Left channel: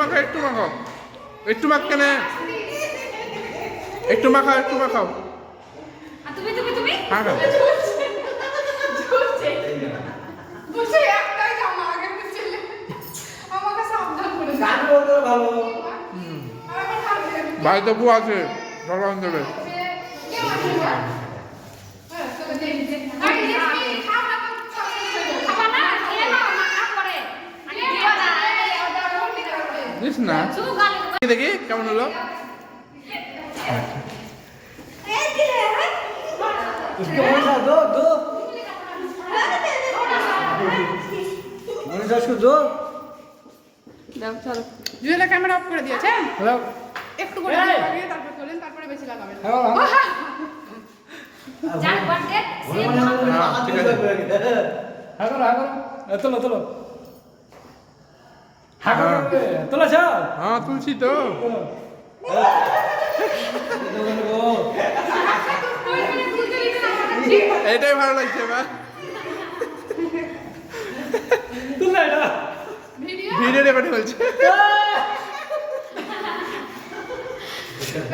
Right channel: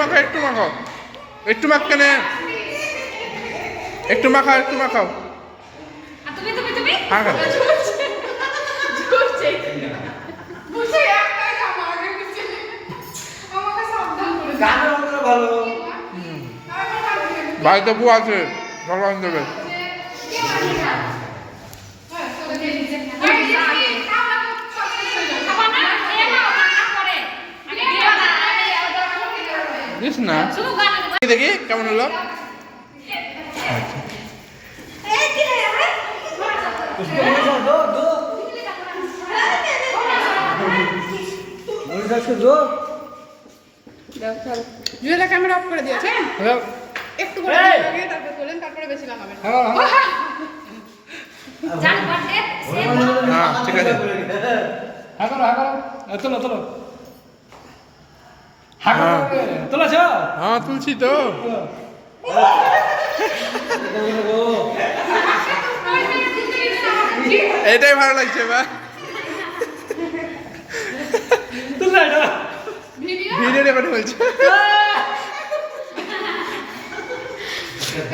মাখাও একটু মাখাও একটু মাখখানে একটু মাখাও তুমি তুমি তুমি হ্যাঁ খাও বুঝে একটাই আমার আগে বুঝে আমাকে সাবধান করে গান বলতে ভালো বাড়িতে বউ আছে ভগবান দেবে দিস না দেখি কেমন হলো उसको बोलो दो दो उसको दो জুয়েলা ক্যামেরা অফ করে দিয়েছে हेलो একটু করে দিয়ে তারপর তোলেন তারপরে বেশি লাগাবেন জান বটে হ্যাঁ ঠিক আছে हां करो चलो हां चलो जा হ্যাঁ তুলছি তো এটাই ভালো লাগছে বা तुम ना ভিডিও রেকর্ডিং হচ্ছে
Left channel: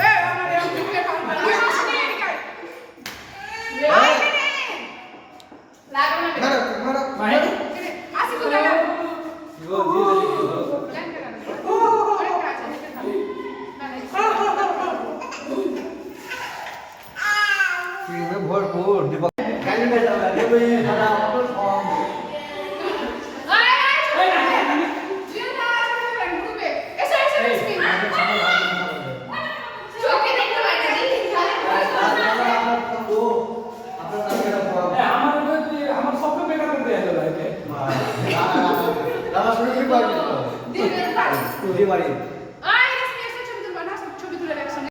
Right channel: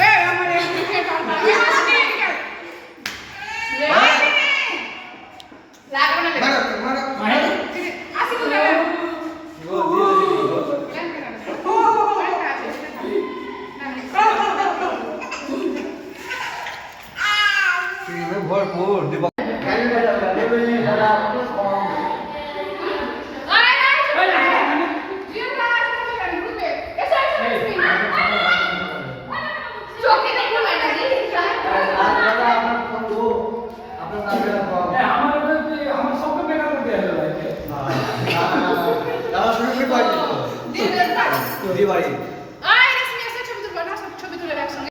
এই আমার এই মুখে লাগাও না আসি তো লাগাও भरपूर दीपक दिवाली